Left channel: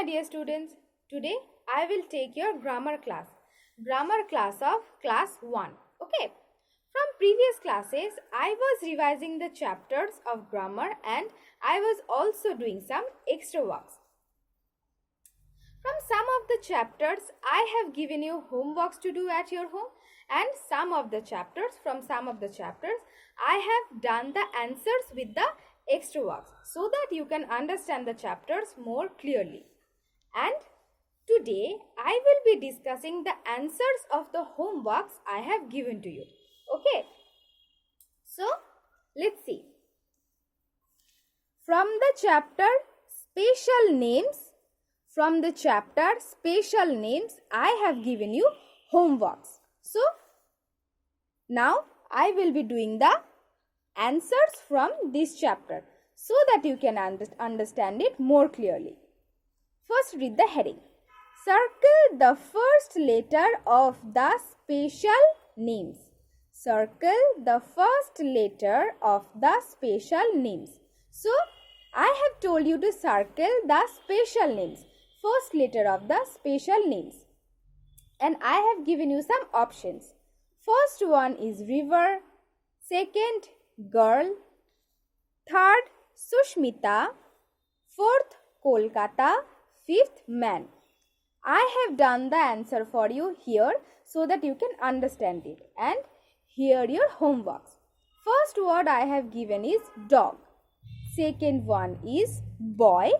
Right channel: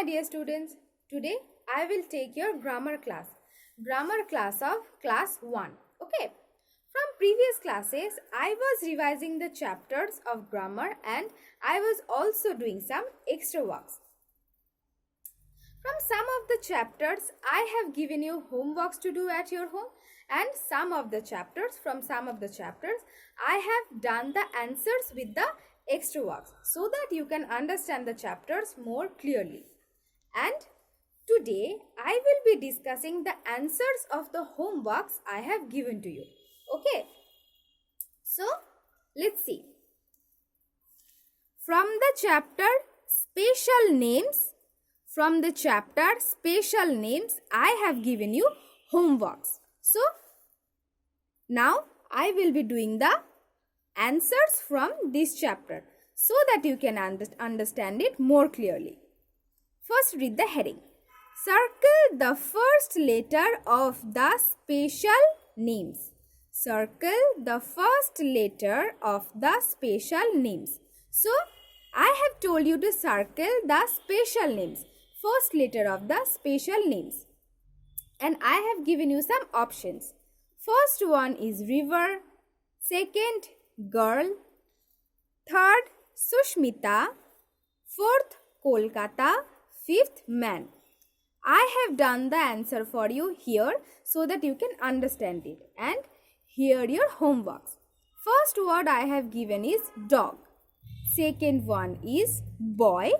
my dear students. Today I will take your grammar class of class 1. Okay. From previous classes I was revising the chapters of grammar and I was also doing some extra works. From some of the chapters I have given you homeworks to do at your home, and some of the chapters I have done the answers with the extra works so that you can understand the chapters more clearly. And today I will be discussing the answers of the homeworks I have given to you. Okay. So let's see. From the chapter special names, I have given you homeworks. So now I will be doing the answers from this chapter so that you can understand it more clearly. First, read the heading. Circle the first letter of the special names. Circle the first letter of the special names. So, I have told you to circle the special names. First letter of the special names. And I have given you some options. First one is river. Second, girl. Third, Sushmita. Fourth, Kolkata. Fifth, man. I have done the answer for you here so that you can understand it. And here your homeworks. First word I have given is dog. Second one is boy.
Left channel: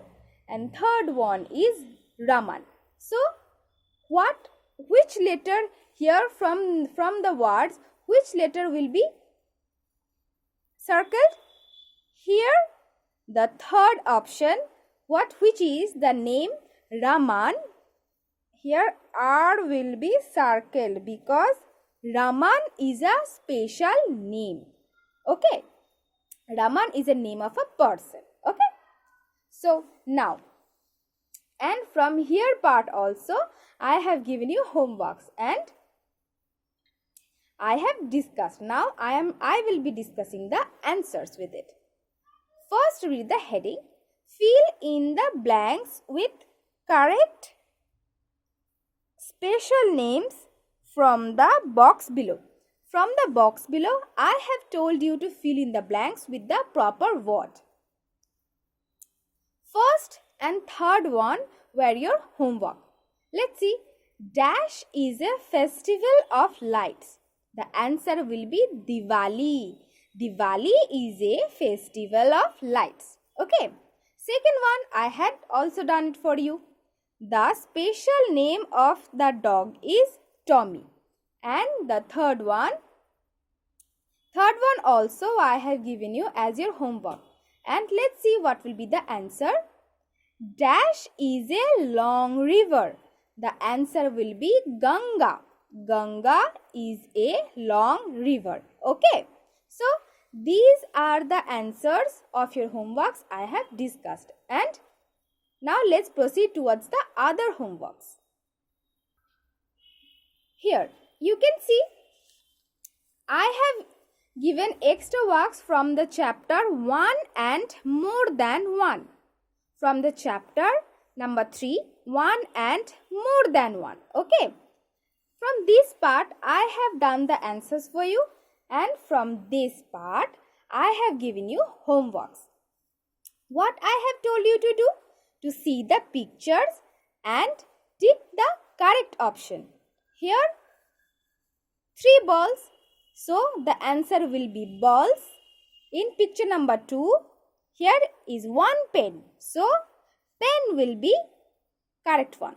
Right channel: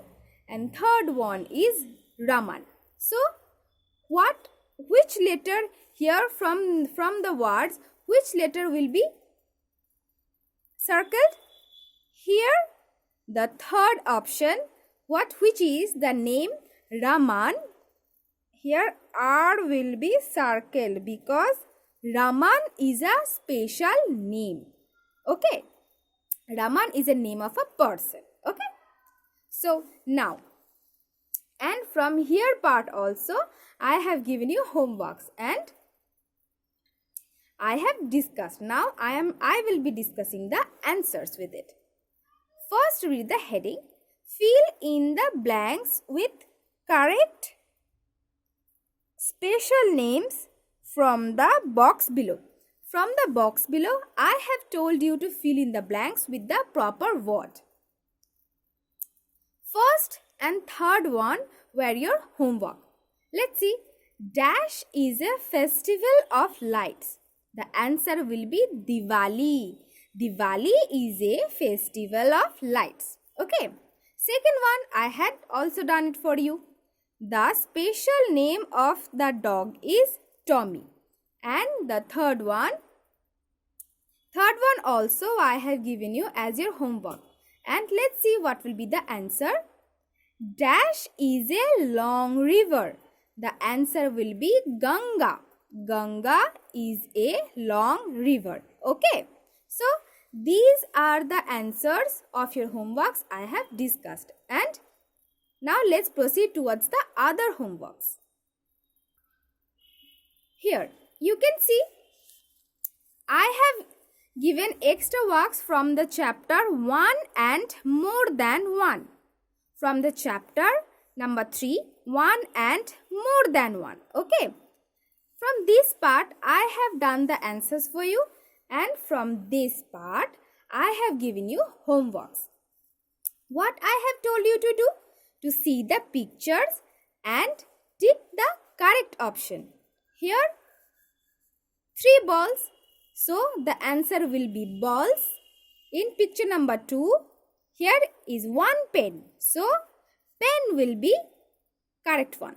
And third one is Raman. So, which letter here from the words, which letter will be circled? Here, the third option, which is the name Raman. Here R will be circled because Raman is a special name. Okay. Raman is a name of a person. Okay. So now, and from here part also, I have given you homeworks and I have discussed. Now I will be discussing the answers with it. First, read the heading. Fill in the blanks with correct special names from the box below. From the box below, I have told you to fill in the blanks with the proper word. First and third one were your homework. Let's see. Dash is a festival of lights. The answer will be Diwali. Diwali is a festival of lights. Okay. Second one, I had also done it for you. The special name of the dog is Tommy. And the third one also I have given you as your homework. And let's see what will be the answer. Dash is a long river. The answer will be Ganga. Ganga is a long river. Okay. So, these are the answers of your homeworks I have discussed. And now let's proceed towards the other homeworks. Here, you can see I have given extra works from the chapter 1 and more than 1. From the chapter number 3, 1 and more than 1. Okay. From this part, I have done the answers for you. And from this part, I have given you homeworks. What I have told you to do? To see the pictures and tick the correct option. Here, 3 balls. So, the answer will be balls. In picture number 2, here is 1 pen. So, pen will be correct one.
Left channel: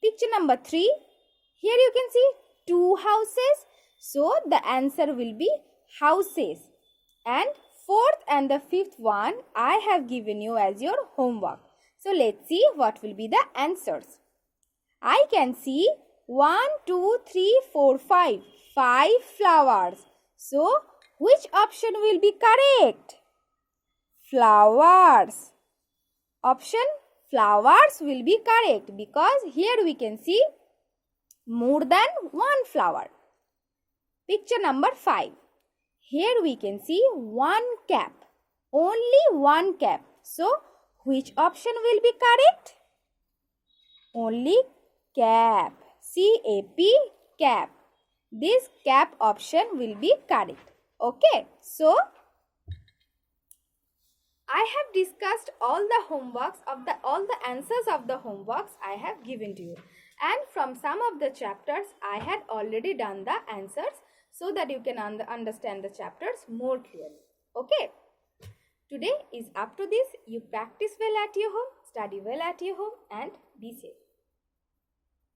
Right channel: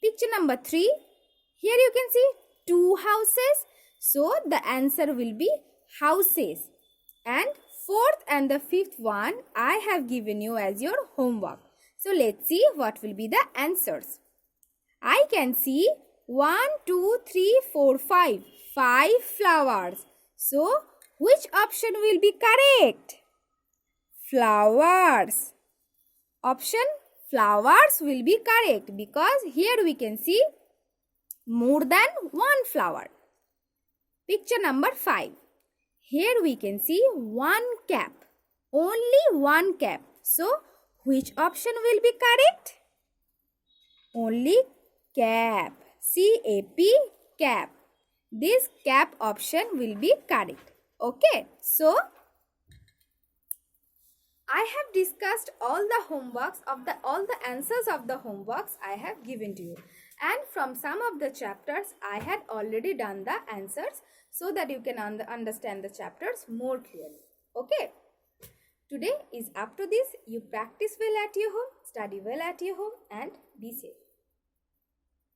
Picture number 3, here you can see 2 houses. So, the answer will be houses. And fourth and the fifth one I have given you as your homework. So, let's see what will be the answers. I can see 1, 2, 3, 4, 5. 5 flowers. So, which option will be correct? Flowers. Option flowers will be correct because here we can see more than 1 flower. Picture number 5. Here we can see 1 cap. Only 1 cap. So, which option will be correct? Only cap. C-A-P, cap. This cap option will be correct. Okay. So, I have discussed all the answers of the homeworks I have given to you. And from some of the chapters, I had already done the answers so that you can understand the chapters more clearly. Okay. Today is up to this. You practice well at your home, study well at your home, and be safe.